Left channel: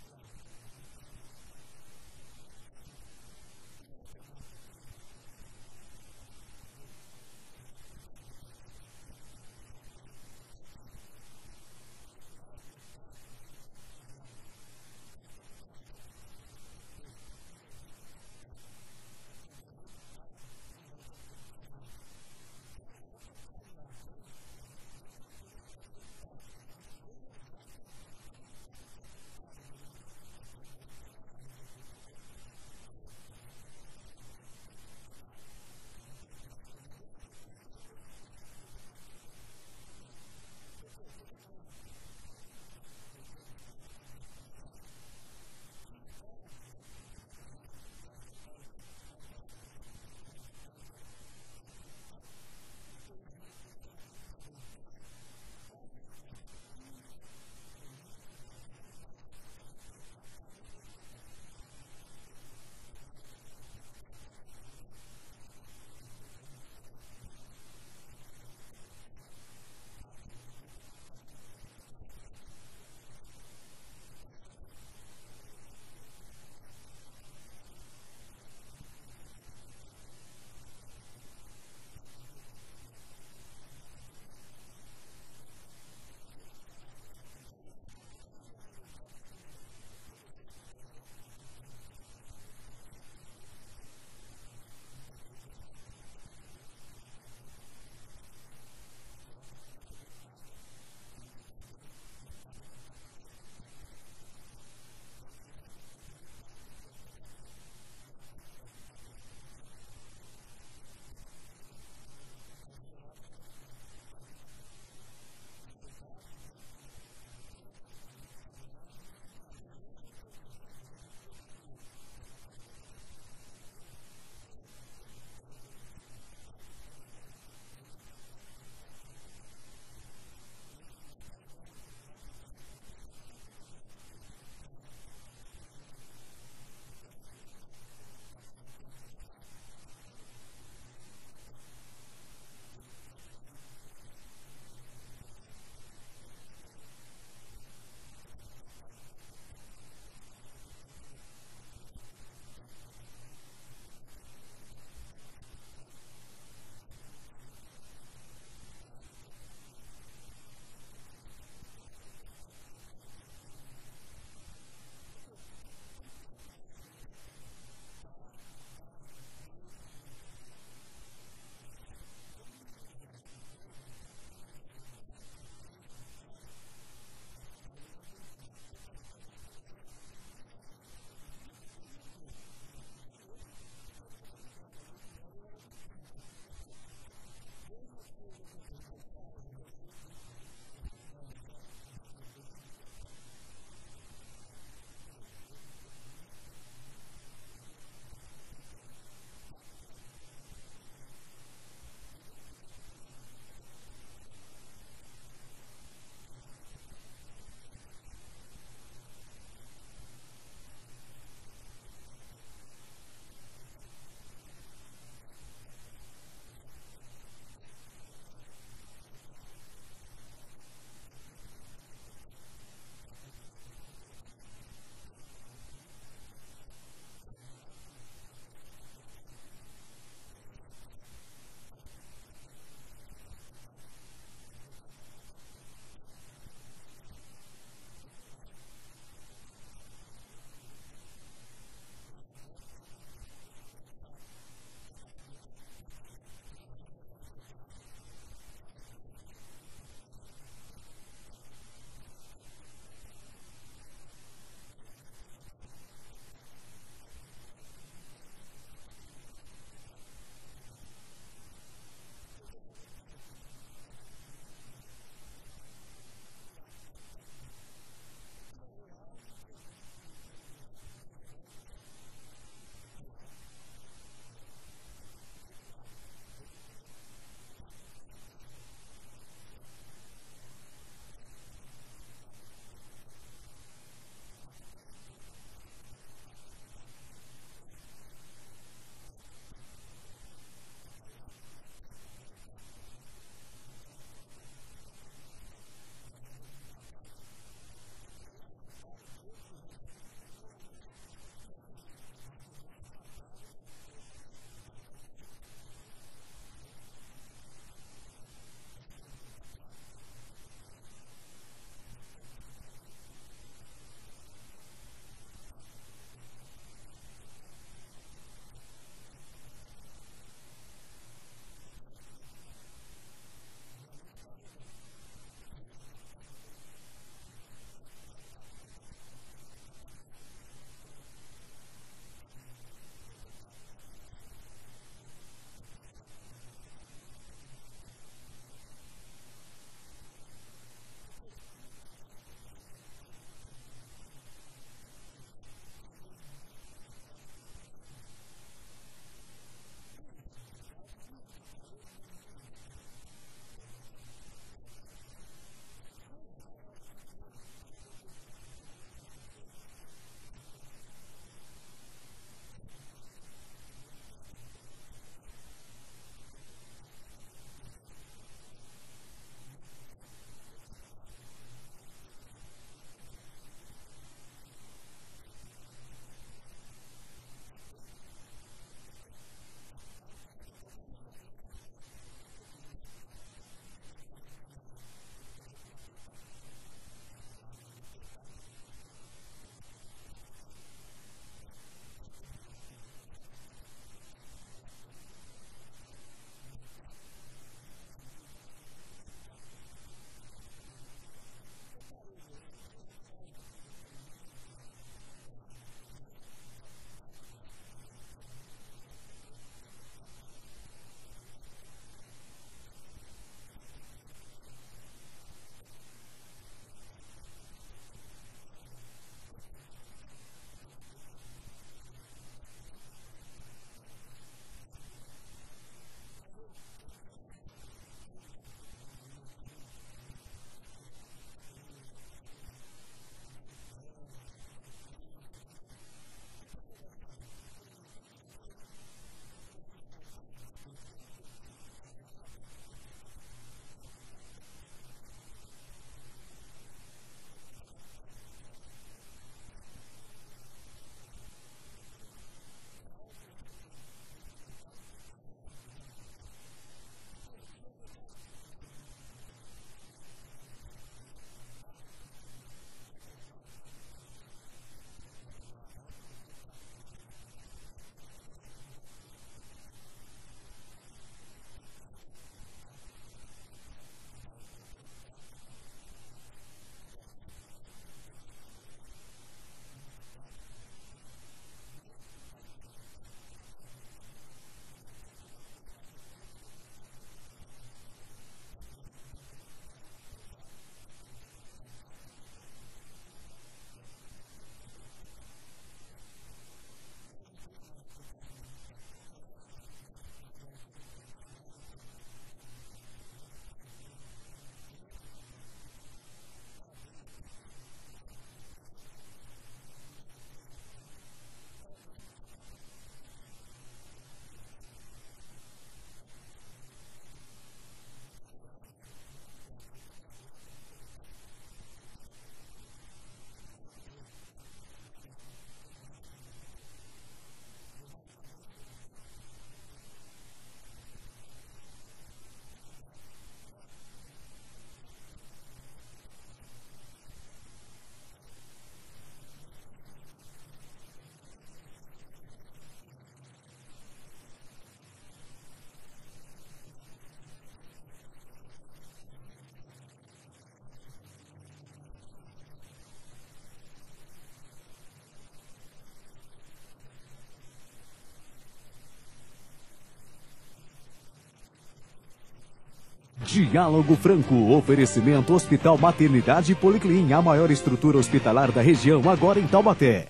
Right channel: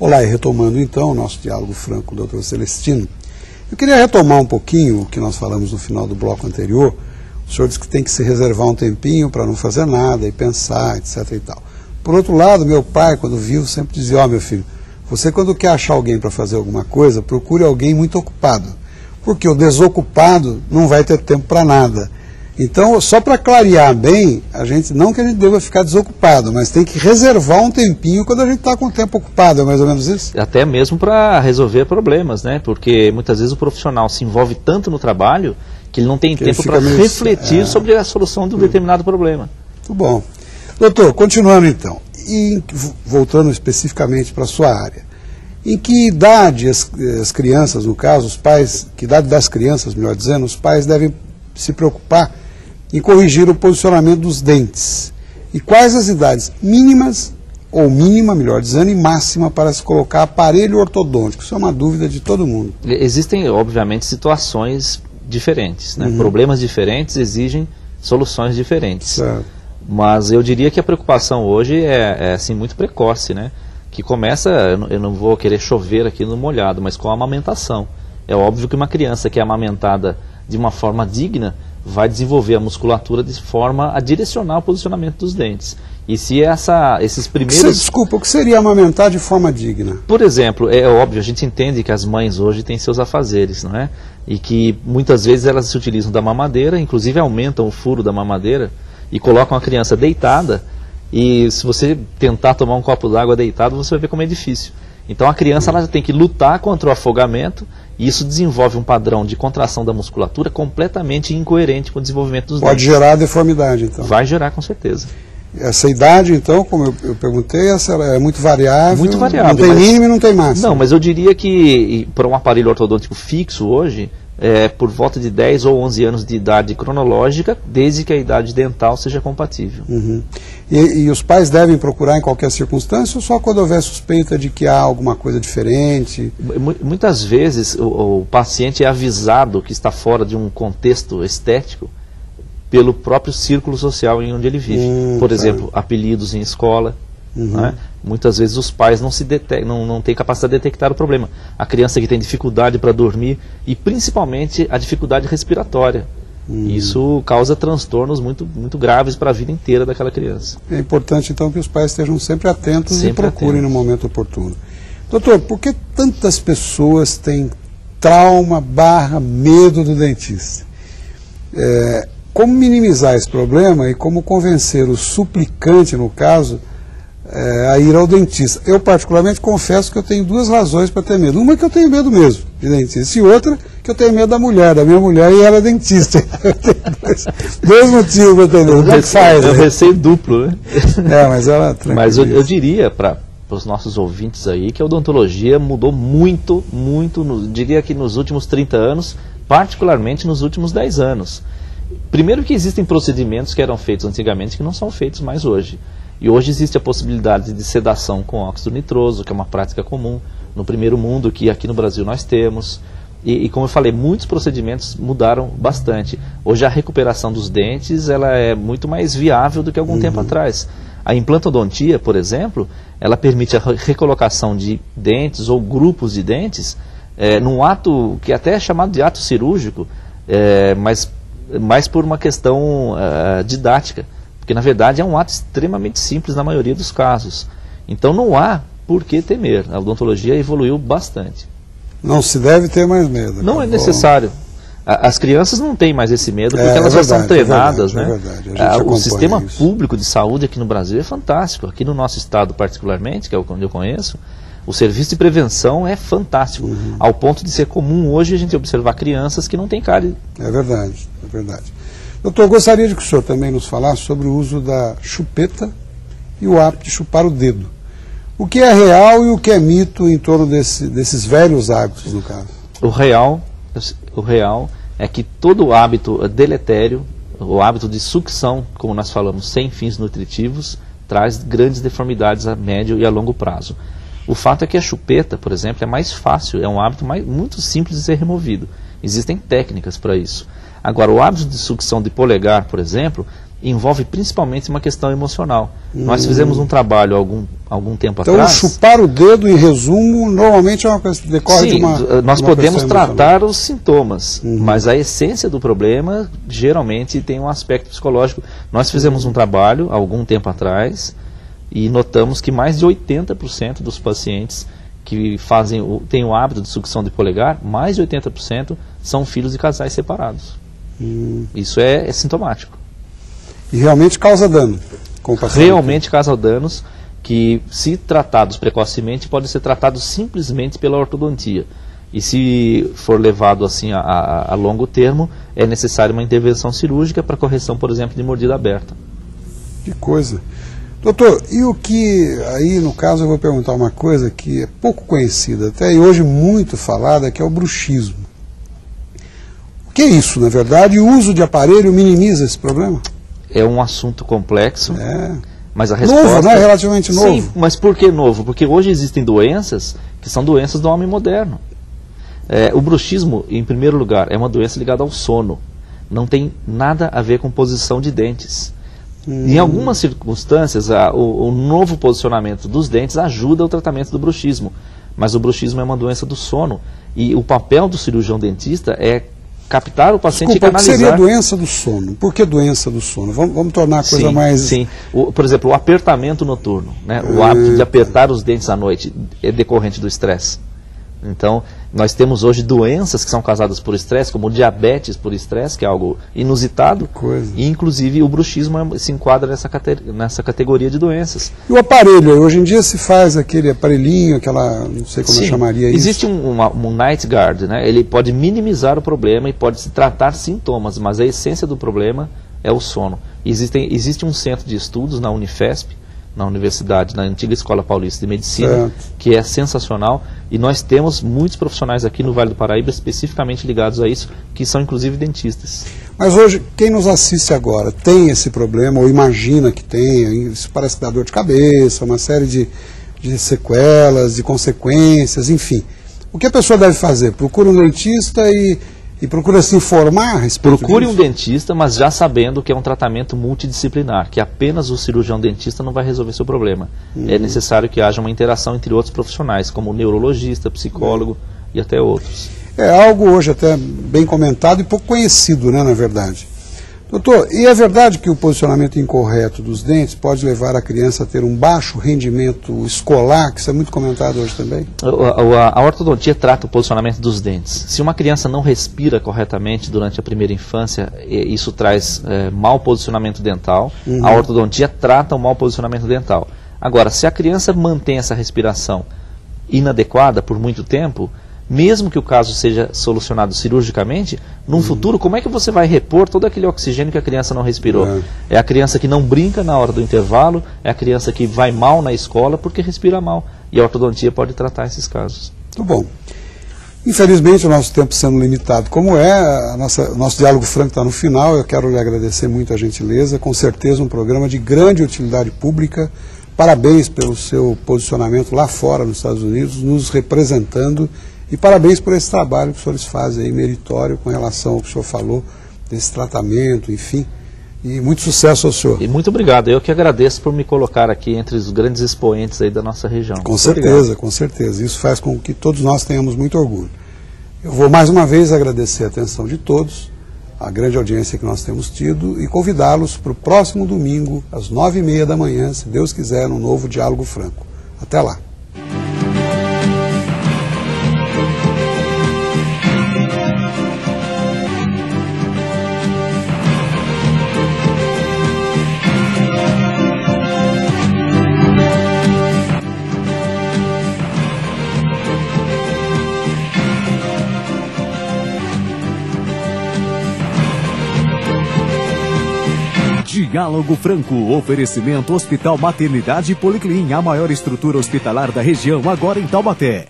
Olá, e retomando então o nosso diálogo franco com o Dr. Celestino, eu queria retomar um pouquinho o que nós falamos no final do bloco anterior. O senhor disse que tem que se reservar um tempinho para não fazer nada e pensar, etc. e tal. Por outro lado, meu pai, quando vivo, sempre dizia, meu filho, você quando quer achar alguém para fazer alguma coisa, procure alguém muito ocupado, porque o desocupado não vai ter tempo para nada. Então, só para clarear bem, não que a gente deva ficar desocupado, mas tem que reservar um tempinho quando a gente está com o tempo ocupado, é mais ou menos isso? Até mesmo para resolver problemas, né? Porque muitas vezes o profissional se envolve tanto no trabalho que ele não tem tempo para refletir sobre a solução de um determinado problema. Muito bom. Doutor, continuando então, e voltando especificamente para a sua área, em que idade as crianças, no caso, os pais, que idade das crianças, melhor dizendo, os pais devem se preocupar em corrigir o posicionamento dos dentes? E quais as idades mínimas, ou mínima, melhor dizendo, e máxima para se colocar aparelho ortodôntico? Isso é uma dúvida de todo mundo. Existem, obviamente, situações diferentes, né? Problemas diferentes exigem soluções diferentes. Certo. Mas eu diria que a preocupação hoje é assim, muito precoce, né? Que começa, eu não vou querer chover aqui no molhado, mas com a amamentação. É óbvio que uma criança que é amamentada de uma forma digna vai desenvolver a musculatura de forma a direcionar o posicionamento dos dentes. E se esses primeiros... Desculpa, o que seria amamentar de forma digna? Por exemplo, é óbvio, a gente entende que as mães hoje têm seus afazeres, não é? E que muitas vezes elas se utilizam da mamadeira, inclusive aumentam o furo da mamadeira e colocam a criança deitada, e se você tentar tomar um copo d'água deitado, você vai ver como é difícil. Então a criança ela tem que lutar contra o afogamento, e isso desenvolve um padrão de contração da musculatura completamente incoerente com o desenvolvimento dos dentes. Pode gerar deformidade, então? Vai gerar, com certeza. Essa idade, então, como eu perguntei, essa é muito variável? Muito variável. Não tem mínimo e não tem máximo? Não, mas eu diria que para um aparelho ortodôntico fixo hoje, por volta de 10 ou 11 anos de idade cronológica, desde que a idade dental seja compatível. Uhum. E os pais devem procurar em qualquer circunstância ou só quando houver suspeita de que há alguma coisa diferente? Muitas vezes o paciente é avisado que está fora de um contexto estético pelo próprio círculo social em onde ele vive. Por exemplo, apelidos em escola. Né? Muitas vezes os pais não têm capacidade de detectar o problema. A criança que tem dificuldade para dormir e principalmente a dificuldade respiratória. Isso causa transtornos muito graves para a vida inteira daquela criança. É importante então que os pais estejam sempre atentos e procurem no momento oportuno. Doutor, por que tantas pessoas têm trauma / medo do dentista? Como minimizar esse problema e como convencer o suplicante, no caso, a ir ao dentista? Eu particularmente confesso que eu tenho duas razões para ter medo. Uma é que eu tenho medo mesmo de dentista, e outra que eu tenho medo da minha mulher, e ela é dentista. Eu tenho dois motivos para ter medo. É um receio duplo, né? Mas ela Mas eu diria para os nossos ouvintes aí que a odontologia mudou muito, diria que nos últimos 30 anos, particularmente nos últimos 10 anos. Primeiro que existem procedimentos que eram feitos antigamente que não são feitos mais hoje. E hoje existe a possibilidade de sedação com óxido nitroso, que é uma prática comum no primeiro mundo, que aqui no Brasil nós temos. E como eu falei, muitos procedimentos mudaram bastante. Hoje a recuperação dos dentes ela é muito mais viável do que algum tempo atrás. A implantodontia, por exemplo, ela permite a recolocação de dentes ou grupos de dentes num ato que até é chamado de ato cirúrgico, mas mais por uma questão didática. Porque, na verdade, é um ato extremamente simples na maioria dos casos. Então, não há por que temer. A odontologia evoluiu bastante. Não se deve ter mais medo. Não é necessário. As crianças não têm mais esse medo porque elas já são treinadas. O sistema público de saúde aqui no Brasil é fantástico. Aqui no nosso estado, particularmente, que é onde eu conheço, o serviço de prevenção é fantástico. Ao ponto de ser comum hoje a gente observar crianças que não têm cárie. É verdade. Doutor, eu gostaria de que o senhor também nos falasse sobre o uso da chupeta e o hábito de chupar o dedo. O que é real e o que é mito em torno desses velhos hábitos, no caso? O real é que todo hábito deletério, o hábito de sucção, como nós falamos, sem fins nutritivos, traz grandes deformidades a médio e a longo prazo. O fato é que a chupeta, por exemplo, é mais fácil, é um hábito muito simples de ser removido. Existem técnicas para isso. Agora, o hábito de sucção de polegar, por exemplo, envolve principalmente uma questão emocional. Nós fizemos um trabalho algum tempo então, atrás. Então, chupar o dedo, em resumo, normalmente é uma coisa que decorre de uma... Nós podemos tratar os sintomas, mas a essência do problema geralmente tem um aspecto psicológico. Nós fizemos um trabalho algum tempo atrás e notamos que mais de 80% dos pacientes que têm o hábito de sucção de polegar, mais de 80% são filhos de casais separados. Isso é sintomático. E realmente causa dano com o paciente? Realmente causa danos que, se tratados precocemente, podem ser tratados simplesmente pela ortodontia. E se for levado assim a longo termo, é necessária uma intervenção cirúrgica para correção, por exemplo, de mordida aberta. Que coisa. Doutor, e o que, aí no caso eu vou perguntar uma coisa que é pouco conhecida, até e hoje muito falada, que é o bruxismo. O que é isso, na verdade? E o uso de aparelho minimiza esse problema? É um assunto complexo, mas a resposta... Novo, né? Relativamente novo. Sim, mas por que novo? Porque hoje existem doenças que são doenças do homem moderno. O bruxismo, em primeiro lugar, é uma doença ligada ao sono. Não tem nada a ver com posição de dentes. Em algumas circunstâncias, o novo posicionamento dos dentes ajuda o tratamento do bruxismo. Mas o bruxismo é uma doença do sono. E o papel do cirurgião dentista é captar o paciente e canalizar. O que seria a doença do sono? Por que doença do sono? Vamos tornar a coisa mais... Sim, por exemplo, o apertamento noturno, né? O hábito de apertar os dentes à noite é decorrente do estresse. Então, nós temos hoje doenças que são causadas por estresse, como diabetes por estresse, que é algo inusitado, e inclusive o bruxismo se enquadra nessa categoria de doenças. E o aparelho? Hoje em dia se faz aquele aparelhinho, aquela, não sei como eu chamaria isso. Existe um night guard, né? Ele pode minimizar o problema e pode se tratar sintomas, mas a essência do problema é o sono. Existe um centro de estudos na Unifesp, na universidade, na antiga Escola Paulista de Medicina, que é sensacional, e nós temos muitos profissionais aqui no Vale do Paraíba especificamente ligados a isso, que são inclusive dentistas. Mas hoje, quem nos assiste agora tem esse problema, ou imagina que tenha, isso parece que dá dor de cabeça, uma série de sequelas, de consequências, enfim. O que a pessoa deve fazer? Procura um dentista e procura se informar a respeito Procure disso? um dentista, mas já sabendo que é um tratamento multidisciplinar, que apenas o cirurgião dentista não vai resolver seu problema. É necessário que haja uma interação entre outros profissionais, como neurologista, psicólogo e até outros. É algo hoje até bem comentado e pouco conhecido, né, na verdade. Doutor, e é verdade que o posicionamento incorreto dos dentes pode levar a criança a ter um baixo rendimento escolar, que isso é muito comentado hoje também? A ortodontia trata o posicionamento dos dentes. Se uma criança não respira corretamente durante a primeira infância, isso traz mau posicionamento dental. A ortodontia trata o mau posicionamento dental. Agora, se a criança mantém essa respiração inadequada por muito tempo, mesmo que o caso seja solucionado cirurgicamente, no futuro, como é que você vai repor todo aquele oxigênio que a criança não respirou? É a criança que não brinca na hora do intervalo, é a criança que vai mal na escola porque respira mal. E a ortodontia pode tratar esses casos. Muito bom. Infelizmente, o nosso tempo sendo limitado como é, o nosso diálogo franco está no final. Eu quero lhe agradecer muito a gentileza. Com certeza um programa de grande utilidade pública. Parabéns pelo seu posicionamento lá fora, nos Estados Unidos, nos representando. E parabéns por esse trabalho que os senhores fazem aí, meritório, com relação ao que o senhor falou, desse tratamento, enfim. E muito sucesso ao senhor. E muito obrigado. Eu que agradeço por me colocar aqui entre os grandes expoentes aí da nossa região. Com certeza, com certeza. Isso faz com que todos nós tenhamos muito orgulho. Eu vou mais uma vez agradecer a atenção de todos, a grande audiência que nós temos tido, e convidá-los para o próximo domingo, às 9h30 da manhã, se Deus quiser, num novo Diálogo Franco. Até lá. Diálogo Franco, oferecimento Hospital Maternidade Policlin, a maior estrutura hospitalar da região, agora em Taubaté.